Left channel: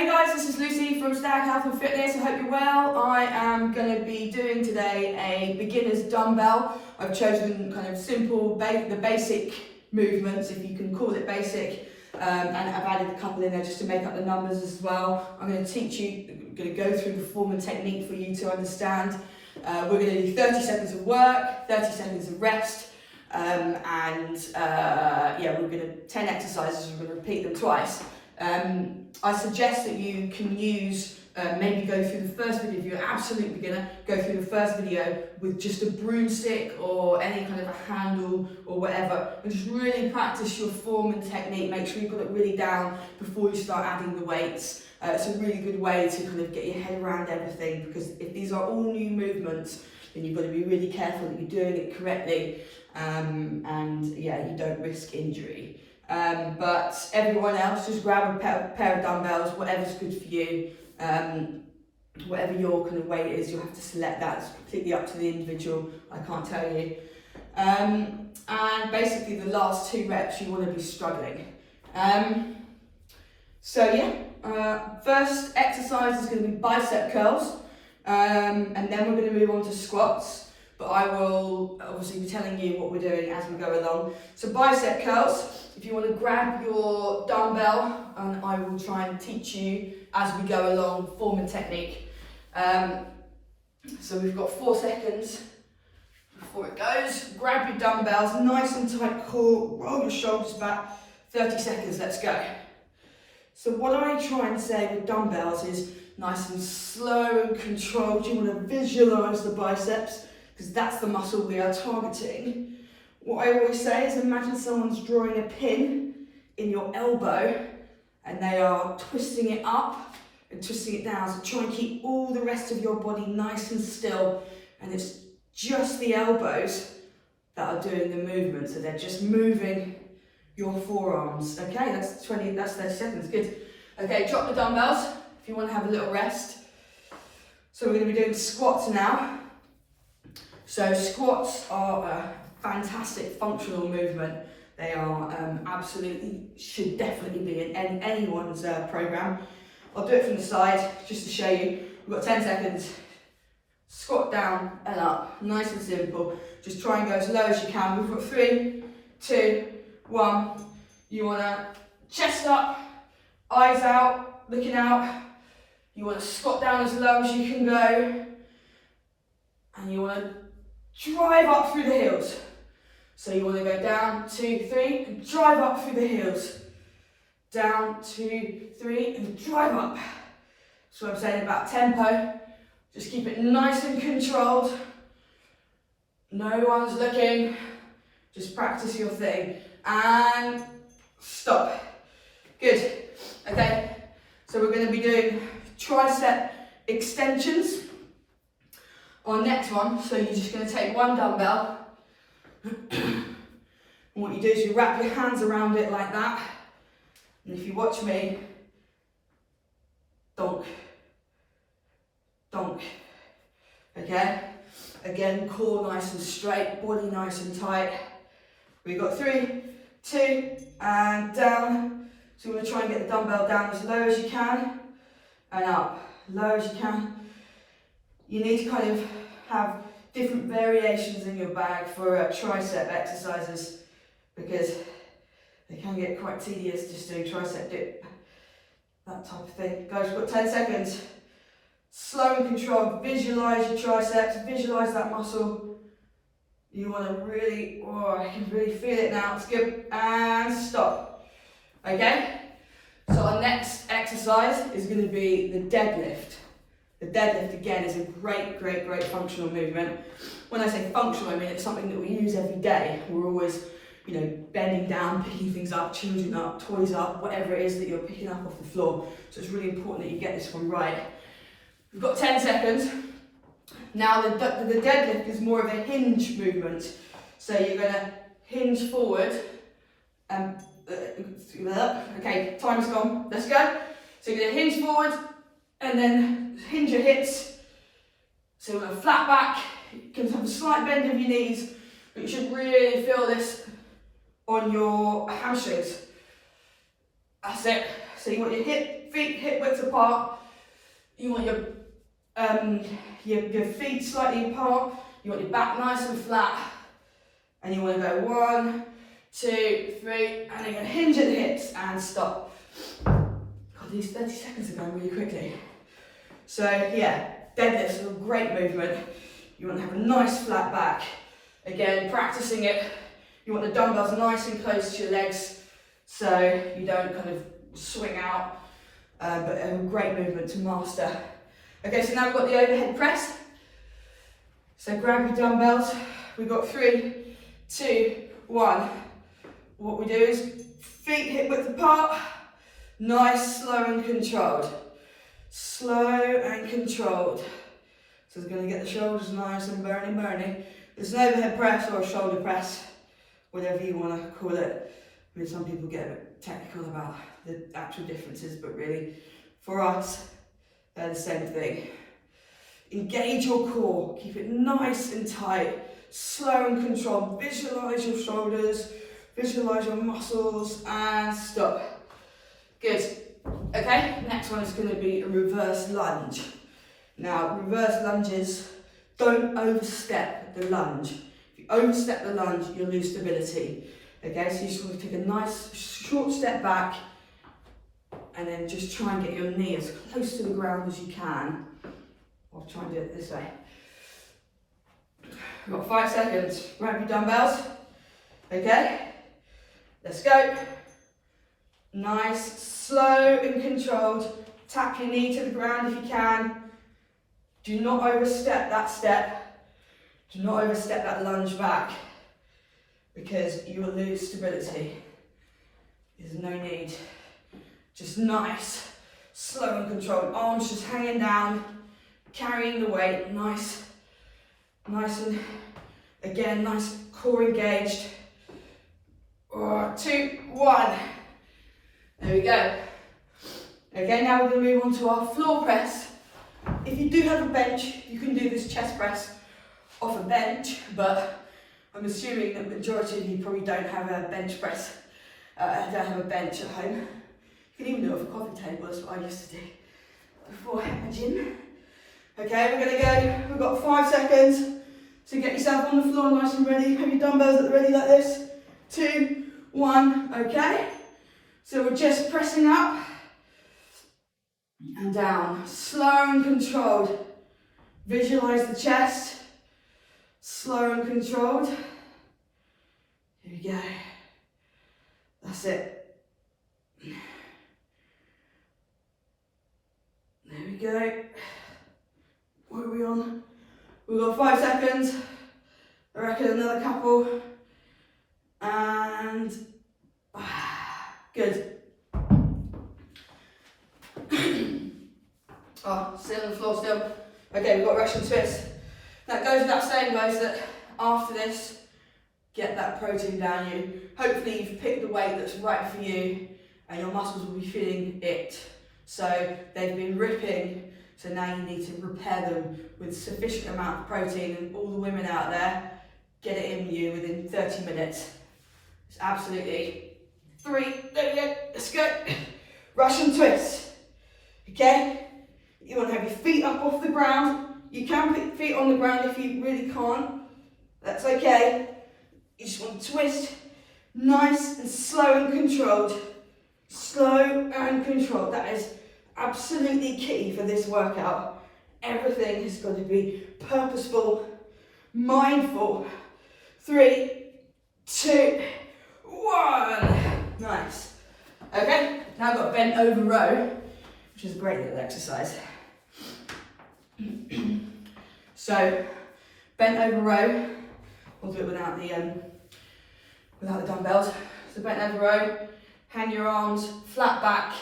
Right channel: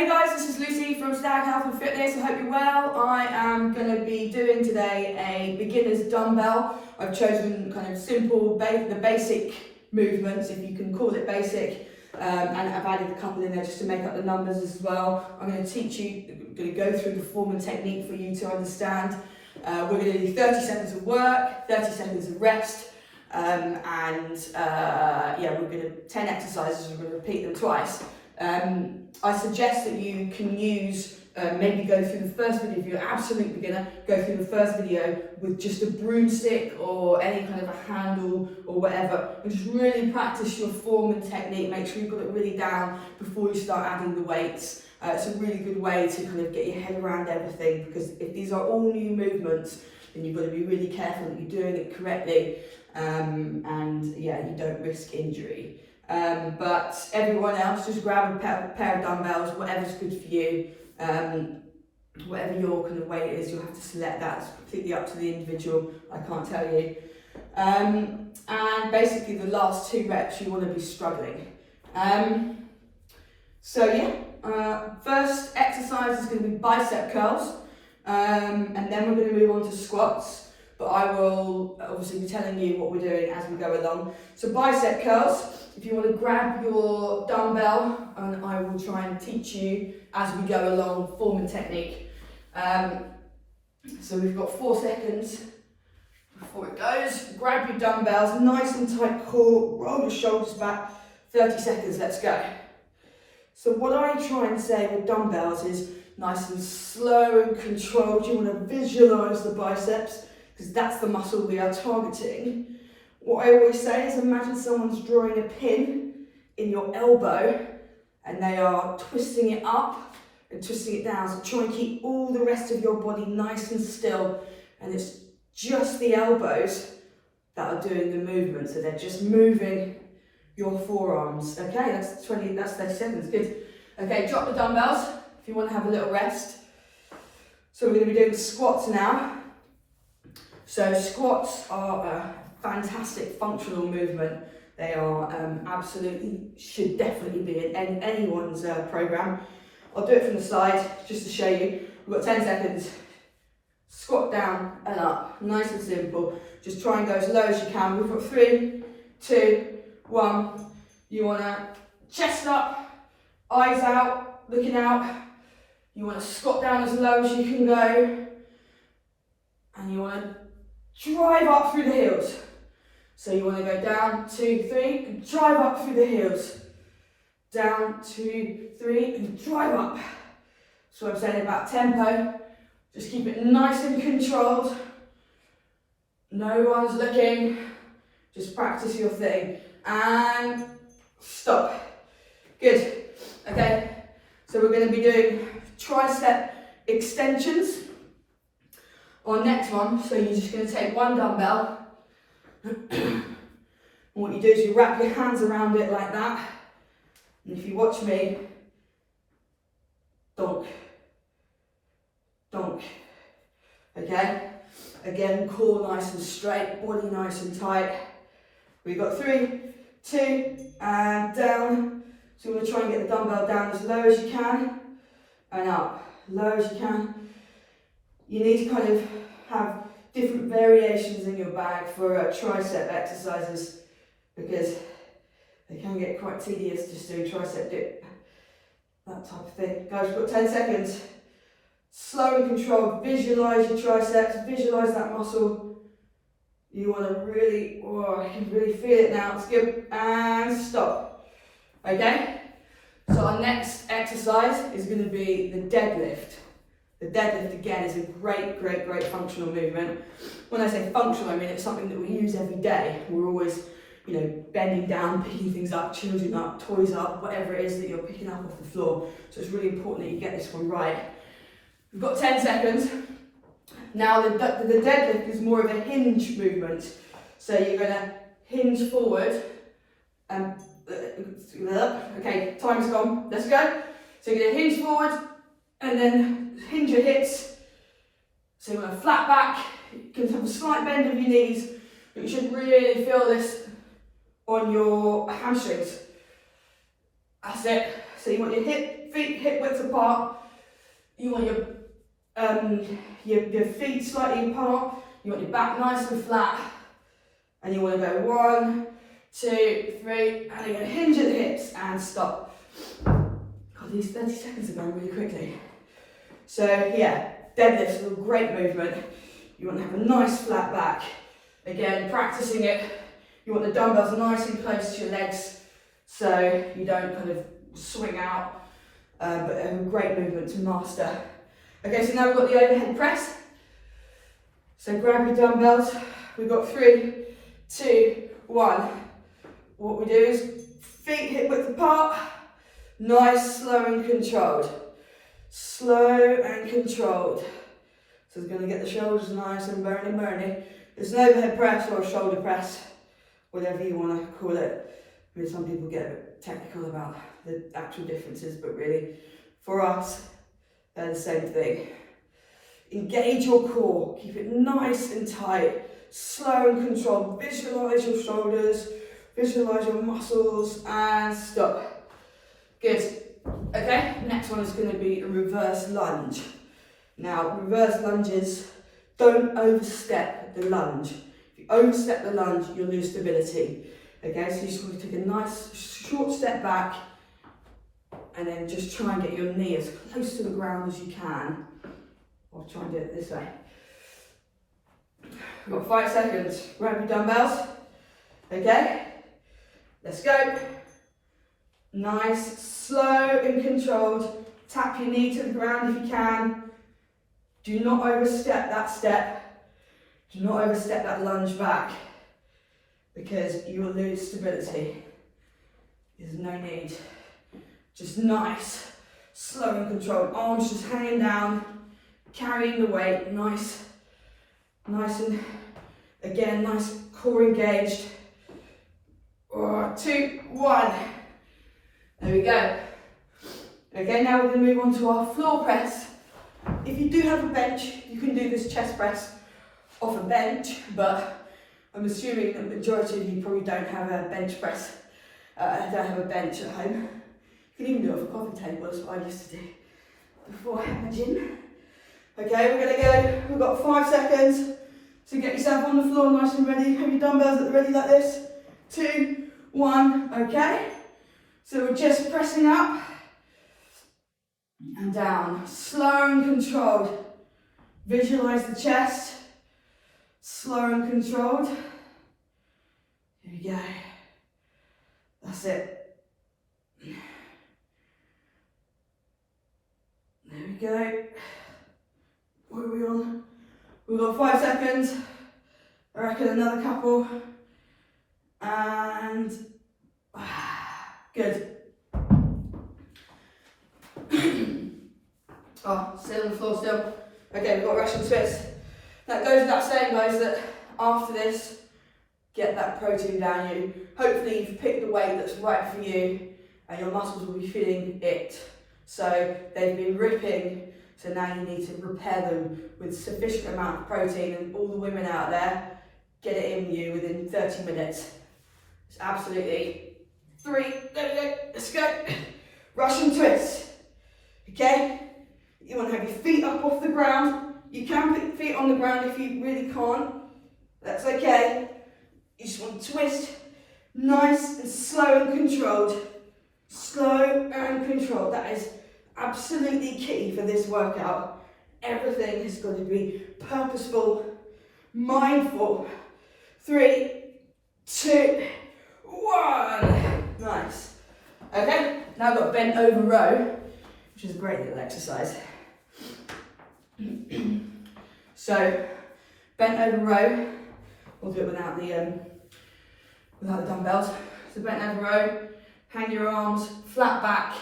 Hey guys, this is Lucy from Stagg Health and Fitness. I hope you're well. I am going to be doing today a beginner's dumbbell. I've chosen kind of simple, the basic movements, if you can call it basic, and I've added a couple in there just to make up the numbers as well. I'm going to teach you, I'm going to go through the form and technique for you to understand. We're going to do 30 seconds of work, 30 seconds of rest, yeah, we're going to 10 exercises, we're going to repeat them twice. I suggest that you can use, maybe go through the first video, if you're an absolute beginner, go through the first video with just a broomstick or any kind of a handle or whatever, and just really practice your form and technique. Make sure you've got it really down before you start adding the weights. It's a really good way to kind of get your head around everything, because if these are all new movements, then you've got to be really careful that you're doing it correctly, and yeah, you don't risk injury. But everyone else, just grab a pair of dumbbells, whatever's good for you, whatever your kind of weight is, you'll have to select that. It's completely up to the individual, I can't tell you. And basically the last 2 reps you want to be struggling. So yeah, first exercise is going to be bicep curls, and then we're going to move on to squats, but I will obviously be telling you what we're doing as we go along. So bicep curls. If you want to grab your dumbbell, and I will try and teach you as we go along form and technique. So we've got 4 seconds before it goes. Grab your dumbbells, nice and tight core, roll your shoulders back, 30 seconds, let's go. So what I try and say with dumbbells is nice and slow and controlled. You want to visualise the biceps, because that's the muscle we are targeting. What I always say is, imagine someone's drawing a pin in your elbow and they are twisting it up and twisting it down. So try and keep all the rest of your body nice and still, and it's just the elbows that are doing the movement. So they're just moving your forearms. Okay, that's 30 seconds, good. Okay, drop the dumbbells if you want to have a little rest. So we're going to be doing squats now. So squats are a fantastic functional movement. They are absolutely, should definitely be in anyone's program. I'll do it from the side just to show you. We've got 10 seconds. Squat down and up, nice and simple. Just try and go as low as you can. We've got 3, 2, 1. You want to chest up, eyes out, looking out. You want to squat down as low as you can go, and you want to drive up through the heels. So you want to go down, 2, 3, and drive up through the heels. Down, 2, 3, and drive up. That's what I'm saying about tempo. Just keep it nice and controlled. No one's looking. Just practice your thing. And stop. Good. Okay, so we're going to be doing tricep extensions. Our next one, so you're just going to take one dumbbell, and what you do is you wrap your hands around it like that, and if you watch me, donk, donk, okay? Again, core nice and straight, body nice and tight. We've got 3, 2, and down. So we're going to try and get the dumbbell down as low as you can, and up, low as you can. You need to kind of have different variations in your bag for tricep exercises, because they can get quite tedious just doing tricep dip, that type of thing. Guys, we've got 10 seconds. Slow and controlled, visualise your triceps, visualise that muscle. You want to really, oh, you can really feel it now, it's good, and stop. Okay, so our next exercise is going to be the deadlift. The deadlift, again, is a great functional movement. When I say functional, I mean it's something that we use every day. We're always, you know, bending down, picking things up, children up, toys up, whatever it is that you're picking up off the floor. So it's really important that you get this one right. We've got 10 seconds. Now the deadlift is more of a hinge movement. So you're going to hinge forward and okay, time is gone. Let's go. So you're going to hinge forward and then hinge your hips. So you're going to flat back. You can have a slight bend of your knees, but you should really feel this on your hamstrings. That's it. So you want your hip feet hip width apart. You want your feet slightly apart. You want your back nice and flat. And you want to go 1, 2, 3, and again, hinge at the hips and stop. God, these 30 seconds are going really quickly. So yeah, deadlifts are a great movement. You want to have a nice flat back. Again, practicing it, you want the dumbbells nice and close to your legs so you don't kind of swing out, but a great movement to master. Okay, so now we've got the overhead press. So grab your dumbbells. We've got 3, 2, 1. What we do is feet hip width apart, nice, slow and controlled. Slow and controlled. So it's going to get the shoulders nice and burny. It's an overhead press or a shoulder press, whatever you want to call it. I mean, some people get a bit technical about the actual differences, but really, for us, they're the same thing. Engage your core, keep it nice and tight, slow and controlled. Visualize your shoulders, visualize your muscles, and stop. Good. Okay, next one is going to be a reverse lunge. Now, reverse lunges, don't overstep the lunge. If you overstep the lunge, you'll lose stability. Okay, so you just want to take a nice short step back and then just try and get your knee as close to the ground as you can. I'll try and do it this way. We've got 5 seconds. Grab your dumbbells. Okay, let's go. Nice, slow and controlled. Tap your knee to the ground if you can. Do not overstep that step. Do not overstep that lunge back because you will lose stability. There's no need. Just nice, slow and controlled. Arms just hanging down, carrying the weight. Nice and again, nice core engaged. 2, 1. There we go. Okay, now we're going to move on to our floor press. If you do have a bench, you can do this chest press off a bench, but I'm assuming that the majority of you probably don't have a bench press, don't have a bench at home. You can even do it off a coffee table, that's what I used to do before I had my gym. Okay, we're going to go, we've got 5 seconds, so get yourself on the floor nice and ready. Have your dumbbells at the ready like this. 2, 1, okay. So we're just pressing up and down, slow and controlled. Visualize the chest, slow and controlled. Here we go. That's it. There we go. What are we on? We've got 5 seconds. I reckon another couple. And good. Oh, sit on the floor still. Okay, we've got Russian twist. That goes without saying, guys, that after this, get that protein down you. Hopefully you've picked the weight that's right for you and your muscles will be feeling it. So they've been ripping, so now you need to repair them with sufficient amount of protein, and all the women out there, get it in you within 30 minutes. It's absolutely 3, there we go, let's go. Russian twist, okay? You want to have your feet up off the ground. You can put your feet on the ground if you really can't. That's okay. You just want to twist, nice and slow and controlled. Slow and controlled. That is absolutely key for this workout. Everything has got to be purposeful, mindful. 3, 2, 1. Nice. Okay, now I've got bent over row, which is a great little exercise. So, bent over row, we'll do it without the dumbbells. So bent over row, hang your arms, flat back.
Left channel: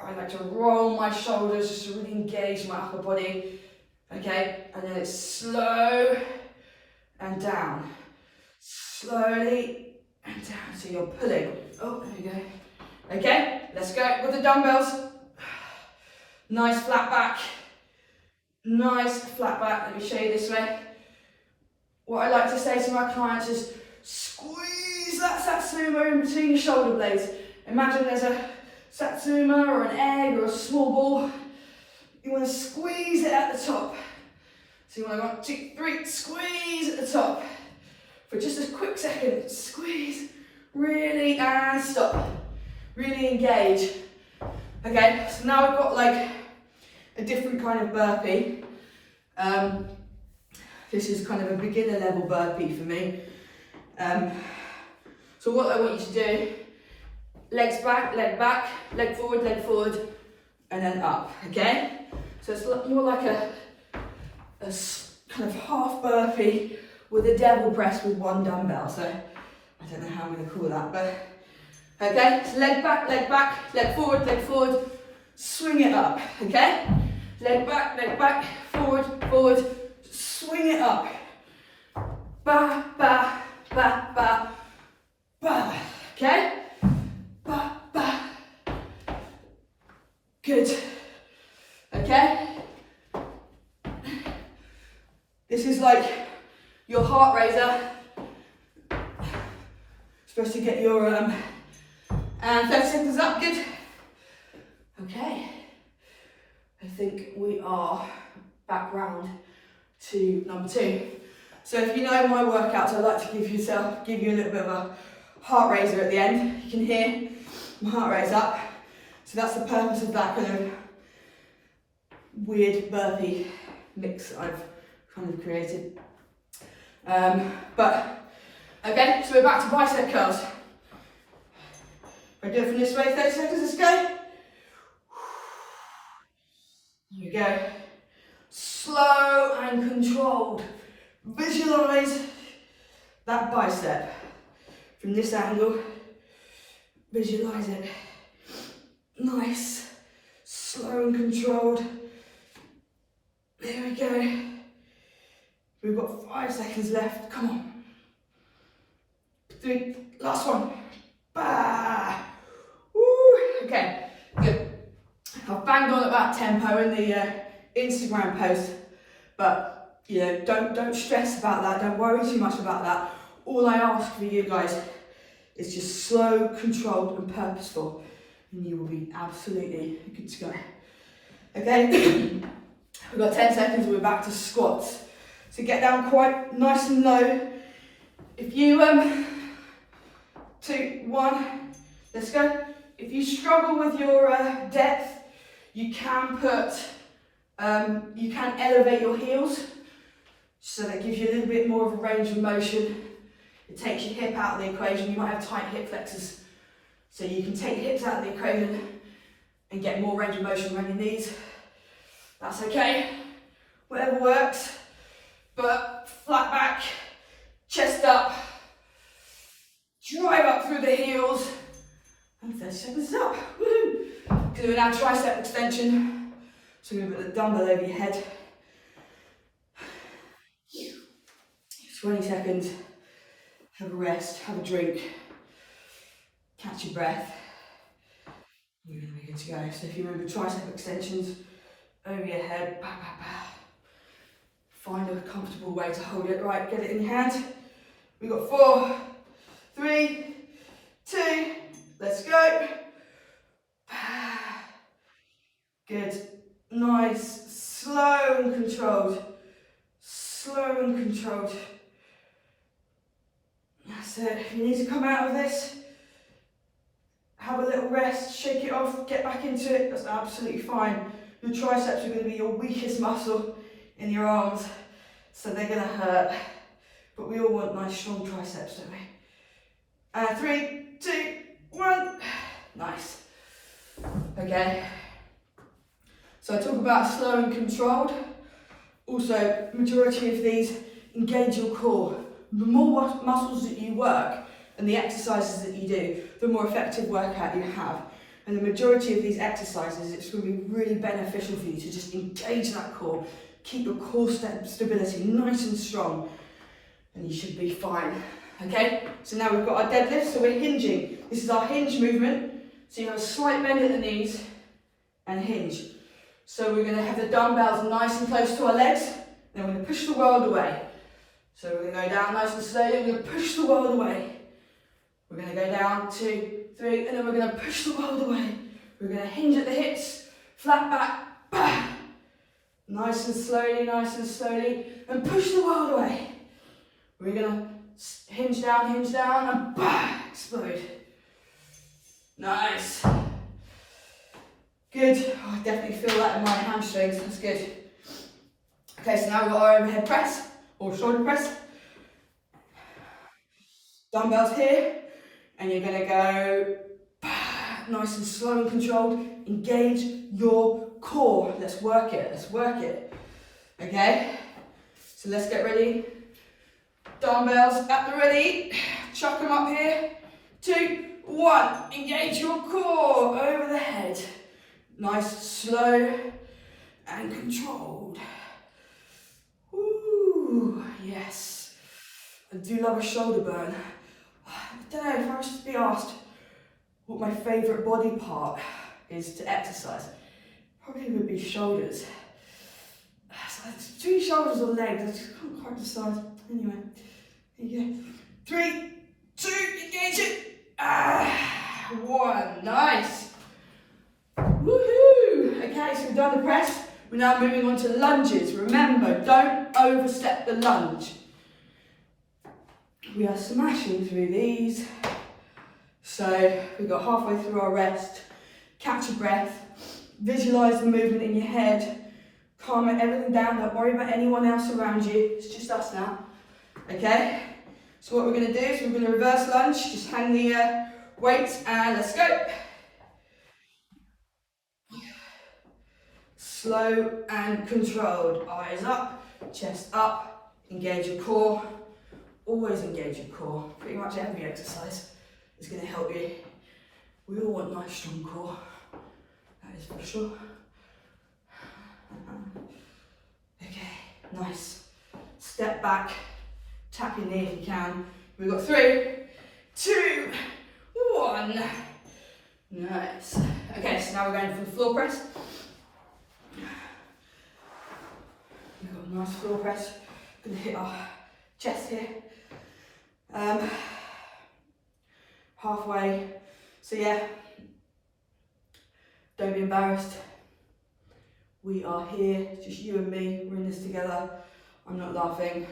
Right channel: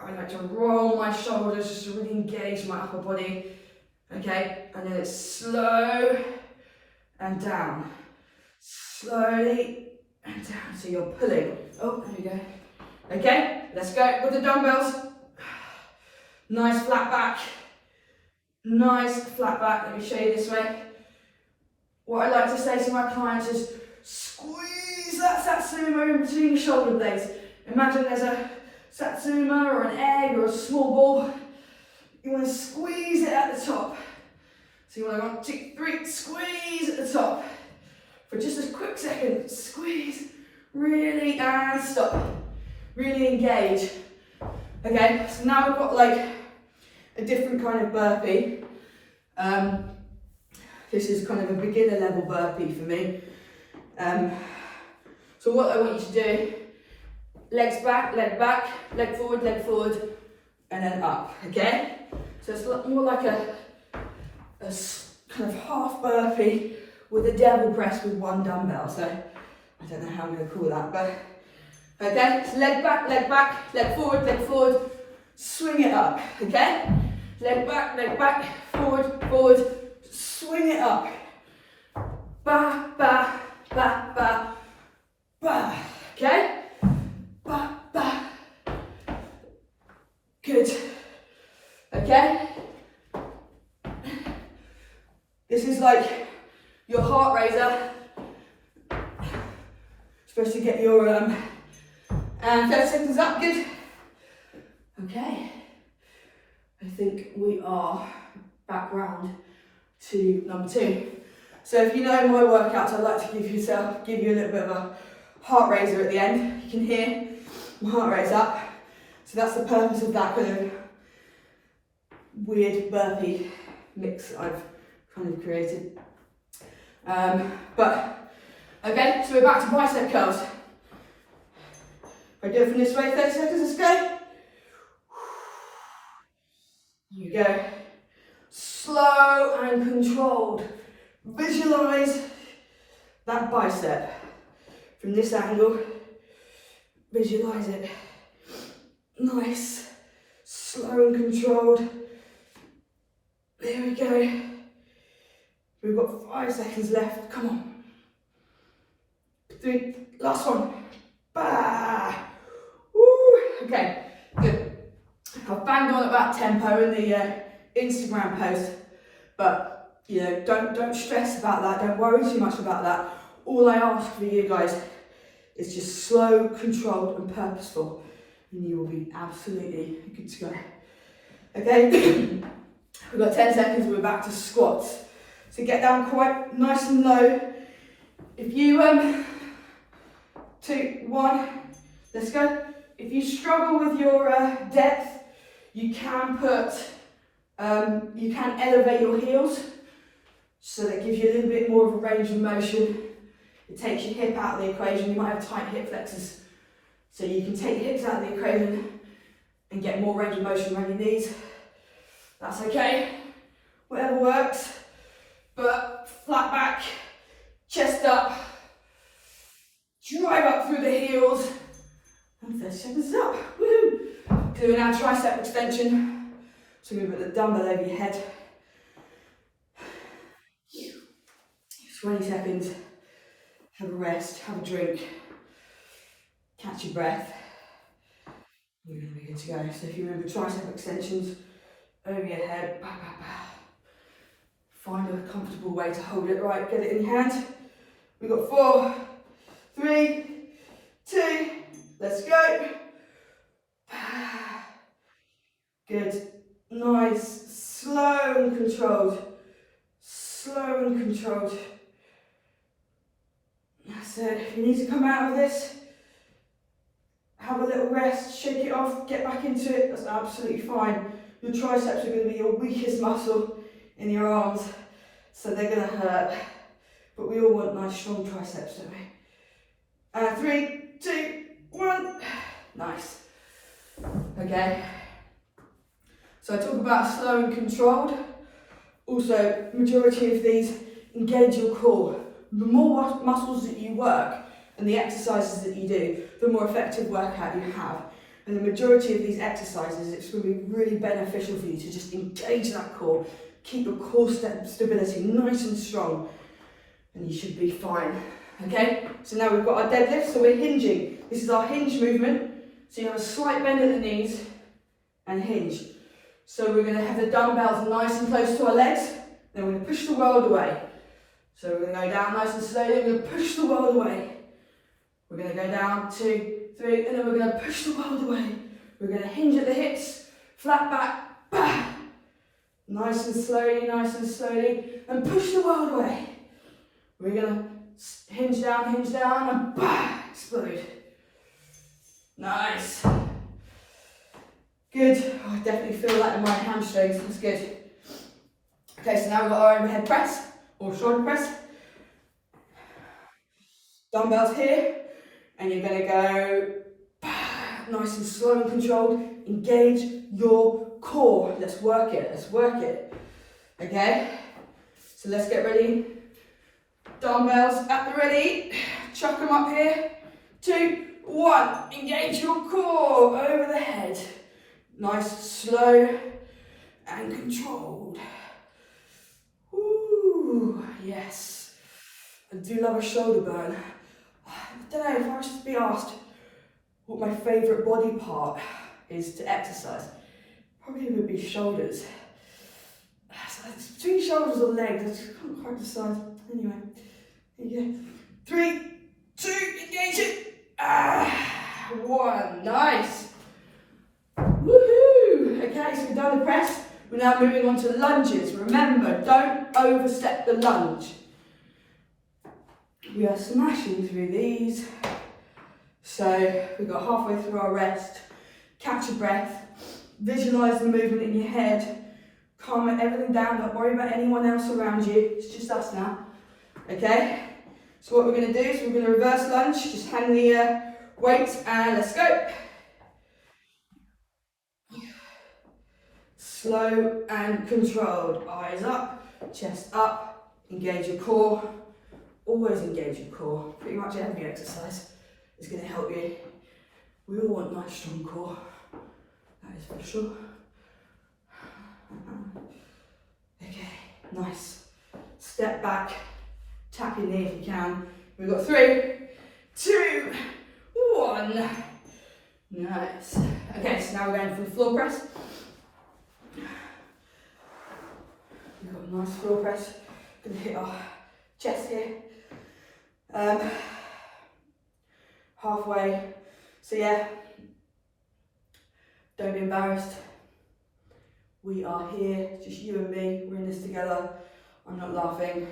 I like to roll my shoulders just to really engage my upper body. Okay, and then it's slow and down. Slowly and down, so you're pulling. Oh, there we go. Okay, let's go with the dumbbells. Nice flat back. Nice flat back. Let me show you this way. What I like to say to my clients is squeeze that sumo in between your shoulder blades. Imagine there's a satsuma or an egg or a small ball, you want to squeeze it at the top. So you want to go 1, 2, 3, squeeze at the top. For just a quick second, squeeze, really, and stop. Really engage. Okay, so now we've got like a different kind of burpee. This is kind of a beginner level burpee for me. So what I want you to do, legs back, leg forward, and then up, okay? So it's more like a kind of half burpee with a devil press with 1 dumbbell. So I don't know how I'm going to call that, but okay, so leg back, leg forward, swing it up, okay? Leg back, forward, swing it up. Ba, ba, ba, ba, ba, okay? Ba, ba. Good. Okay? This is like your heart raiser. Supposed to get your and 30 seconds up, good. Okay. I think we are back round to number 2. So if you know my workouts, I'd like to give you a little bit of a heart raiser at the end. You can hear my heart rate up. So that's the purpose of that kind of weird burpee mix that I've kind of created. But okay, so we're back to bicep curls. If I do it from this way, 30 seconds, let's go. Here we go. Slow and controlled. Visualize that bicep from this angle. Visualize it. Nice. Slow and controlled. There we go. We've got 5 seconds left. Come on. 3. Last one. Bah. Woo. Okay. Good. I've banged on about tempo in the Instagram post, but you know, don't stress about that. Don't worry too much about that. All I ask for you guys is just slow, controlled, and purposeful, and you will be absolutely good to go. Okay, we've got 10 seconds. We're back to squats. So get down quite nice and low. If you 2, 1, let's go. If you struggle with your depth, you can elevate your heels, so that gives you a little bit more of a range of motion. It takes your hip out of the equation. You might have tight hip flexors, so you can take your hips out of the equation and get more range of motion around your knees. That's okay, whatever works. But flat back, chest up, drive up through the heels, and 30 seconds up. Woo! Doing our tricep extension. So we put the dumbbell over your head. 20 seconds. Have a rest, have a drink, catch your breath. You're going to be good to go. So if you remember tricep extensions over your head, bah, bah, bah. Find a comfortable way to hold it. Right, get it in your hand. We've got 4, 3, 2, let's go. Good, nice, slow and controlled. Slow and controlled. That's it. If you need to come out of this, have a little rest, shake it off, get back into it, that's absolutely fine. Your triceps are going to be your weakest muscle in your arms, so they're going to hurt. But we all want nice strong triceps, don't we? 3, 2, 1. Nice. Okay. So I talk about slow and controlled. Also, majority of these engage your core. The more muscles that you work and the exercises that you do, the more effective workout you have. And the majority of these exercises, it's going to be really beneficial for you to just engage that core, keep your core stability nice and strong, and you should be fine. Okay, so now we've got our deadlift, so we're hinging. This is our hinge movement. So you have a slight bend at the knees and hinge. So we're going to have the dumbbells nice and close to our legs, then we're going to push the world away. So we're going to go down nice and slowly, we're going to push the world away. We're going to go down, 2, 3, and then we're going to push the world away. We're going to hinge at the hips, flat back, bah. Nice and slowly, and push the world away. We're going to hinge down, and bah, explode. Nice. Good. Oh, I definitely feel that in my hamstrings. That's good. Okay, so now we've got our overhead press or shoulder press. Dumbbells here, and you're going to go nice and slow and controlled. Engage your core. Let's work it. Okay, so let's get ready. Dumbbells at the ready. Chuck them up here. 2, 1. Engage your core over the head. Nice, slow and controlled. Ooh, yes. I do love a shoulder burn. I don't know, if I was to be asked what my favourite body part is to exercise, probably would be shoulders. So it's between shoulders or legs, I just can't quite decide. Anyway, here you go. 3, 2, engage it. 1, nice. Woohoo! Okay, so we've done the press. We're now moving on to lunges. Remember, don't overstep the lunge. We are smashing through these. So we've got halfway through our rest. Catch your breath. Visualise the movement in your head. Calm everything down. Don't worry about anyone else around you. It's just us now. Okay? So what we're going to do is we're going to reverse lunge. Just hang the weights and let's go. Slow and controlled. Eyes up, chest up. Engage your core. Always engage your core. Pretty much every exercise is going to help you. We all want a nice strong core. That is for sure. Okay, nice. Step back. Tap your knee if you can. We've got 3, 2, 1. Nice. Okay, so now we're going for the floor press. We've got a nice floor press. Going to hit our chest here. Halfway. So yeah, don't be embarrassed. We are here, just you and me. We're in this together. I'm not laughing.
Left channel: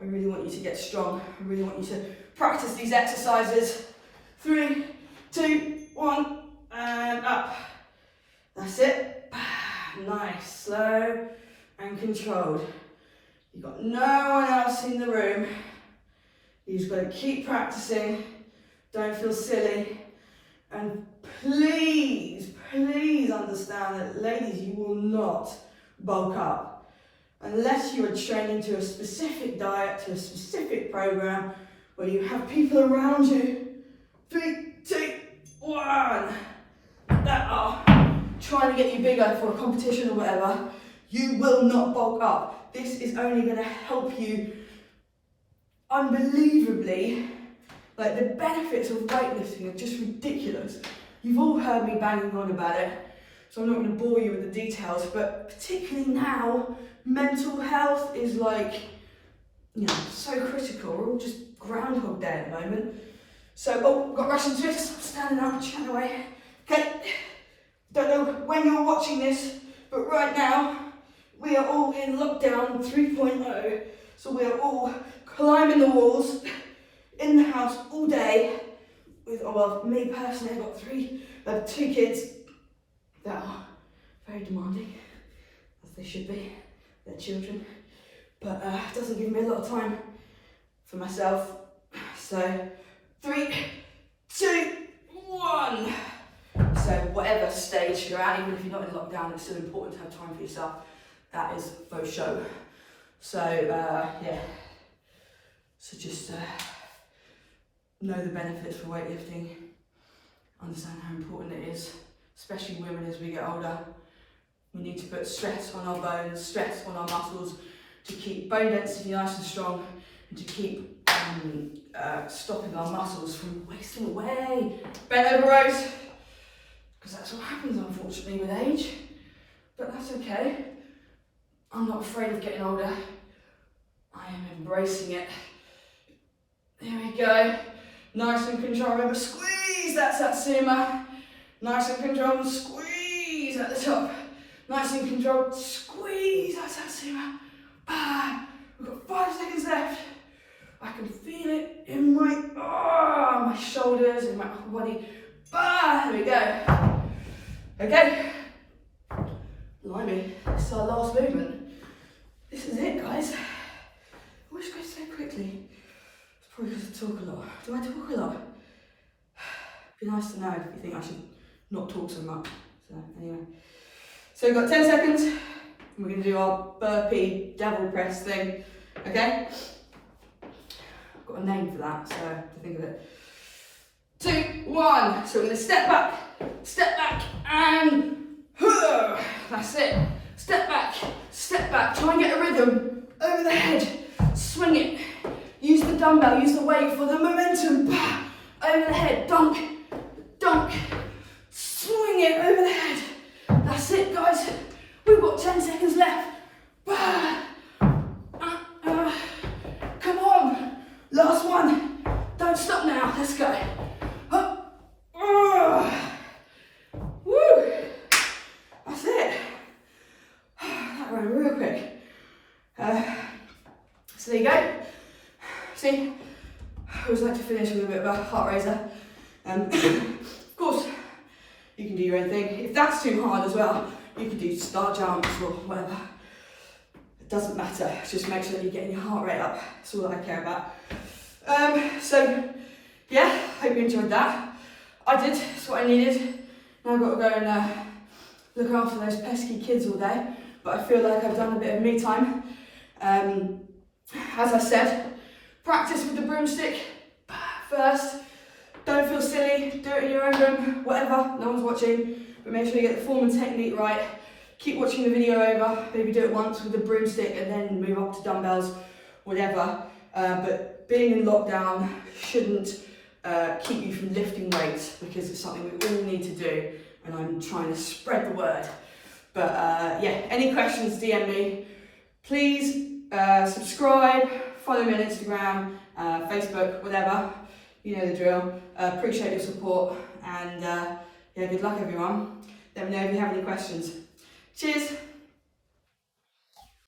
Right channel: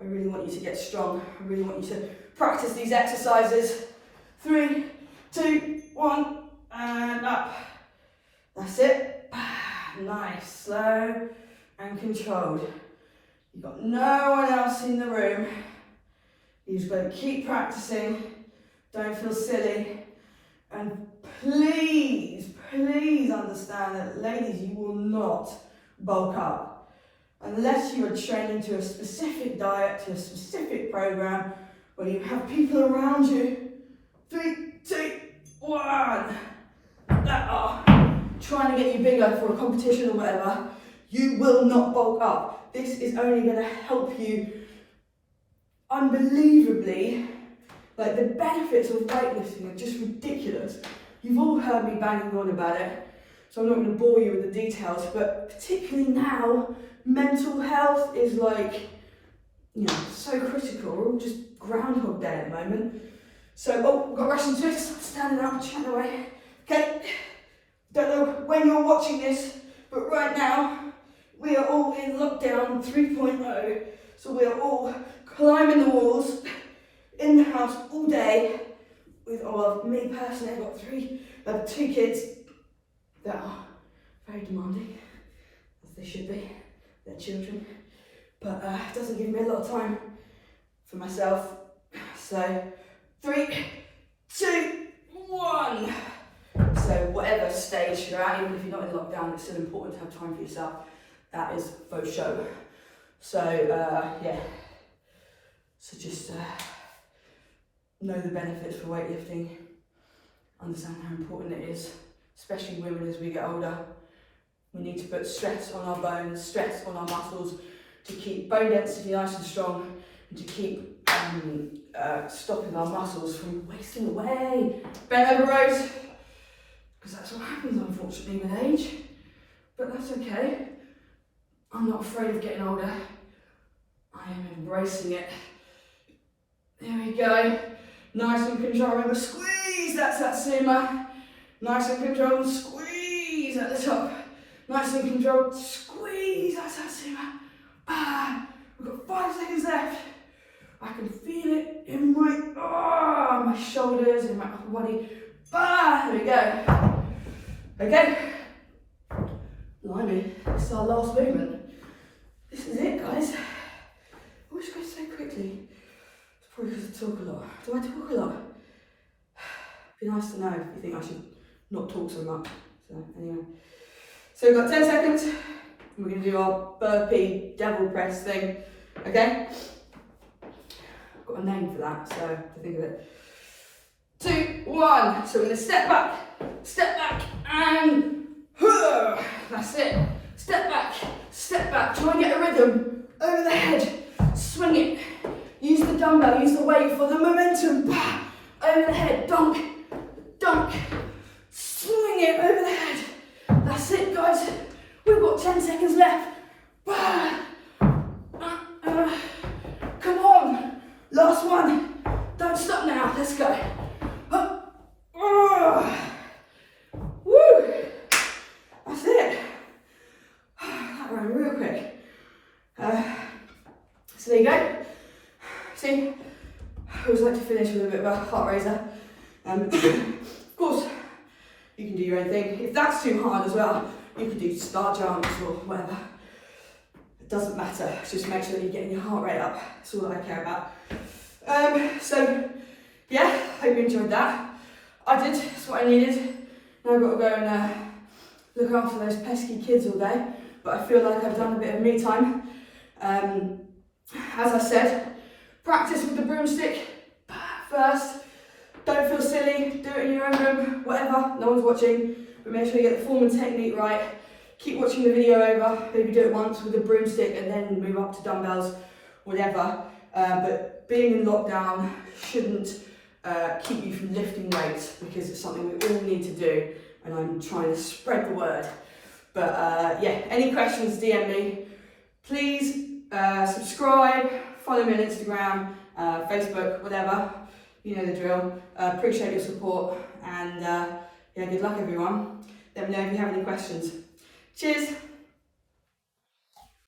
I really want you to get strong. I really want you to practice these exercises. 3, 2, 1, and up. That's it. Nice, slow and controlled. You've got no one else in the room. You've just got to keep practicing. Don't feel silly. And please, please understand that, ladies, you will not bulk up unless you are training to a specific diet, to a specific program, where you have people around you. 3, 2, 1. That are trying to get you bigger for a competition or whatever. You will not bulk up. This is only going to help you unbelievably. Like, the benefits of weightlifting are just ridiculous. You've all heard me banging on about it, so I'm not going to bore you with the details, but particularly now, mental health is like, you know, so critical. We're all just Groundhog Day at the moment. So, oh, we've got Russian twists, standing up, chatting away. Okay, don't know when you're watching this, but right now, we are all in lockdown 3.0, so we are all climbing the walls, in the house all day with, well, me personally, I've got 2 kids that are very demanding, as they should be. They're children, but it doesn't give me a lot of time for myself. So 3, 2, 1. So whatever stage you're at, even if you're not in lockdown, it's still important to have time for yourself. That is faux show. So yeah, so just know the benefits for weightlifting, understand how important it is, especially women as we get older. We need to put stress on our bones, stress on our muscles to keep bone density nice and strong, and to keep stopping our muscles from wasting away. Bent over rows, because that's what happens unfortunately with age, but that's okay. I'm not afraid of getting older. I am embracing it. There we go. Nice and control. Remember, squeeze, that's that simmer. Nice and controlled, squeeze at the top. Nice and controlled, squeeze, that's super. We've got 5 seconds left. I can feel it in my shoulders, in my upper body. There we go. Okay. Blimey, this is our last movement. This is it, guys. I wish it goes so quickly. It's probably because I talk a lot. Do I talk a lot? It'd be nice to know if you think I should not talk so much. So anyway. So we've got 10 seconds. And we're going to do our burpee devil press thing. Okay? I've got a name for that, so I have to think of it. 2, 1. So we're going to step back, and that's it. Step back. Try and get a rhythm over the head. Swing it. Use the dumbbell, use the weight for the momentum. Over the head. Dunk. Swing it over the head. That's it, guys. We've got 10 seconds left. Come on. Last one. Don't stop now. Let's go. Woo. That's it. That ran real quick. So there you go. See, I always like to finish with a bit of a heart raiser. Of course, you can do your own thing. If that's too hard as well, you can do star jumps or whatever. It doesn't matter. Just make sure that you're getting your heart rate up. That's all that I care about. So, yeah, hope you enjoyed that. I did. That's what I needed. Now I've got to go and look after those pesky kids all day. But I feel like I've done a bit of me time. As I said, practice with the broomstick first. Don't feel silly, do it in your own room, whatever, no one's watching, but make sure you get the form and technique right. Keep watching the video over, maybe do it once with the broomstick and then move up to dumbbells, whatever. But being in lockdown shouldn't keep you from lifting weights because it's something we all need to do and I'm trying to spread the word. But yeah, any questions, DM me. Please subscribe, follow me on Instagram, Facebook, whatever. You know the drill. Appreciate your support and yeah, good luck everyone. Let me know if you have any questions. Cheers.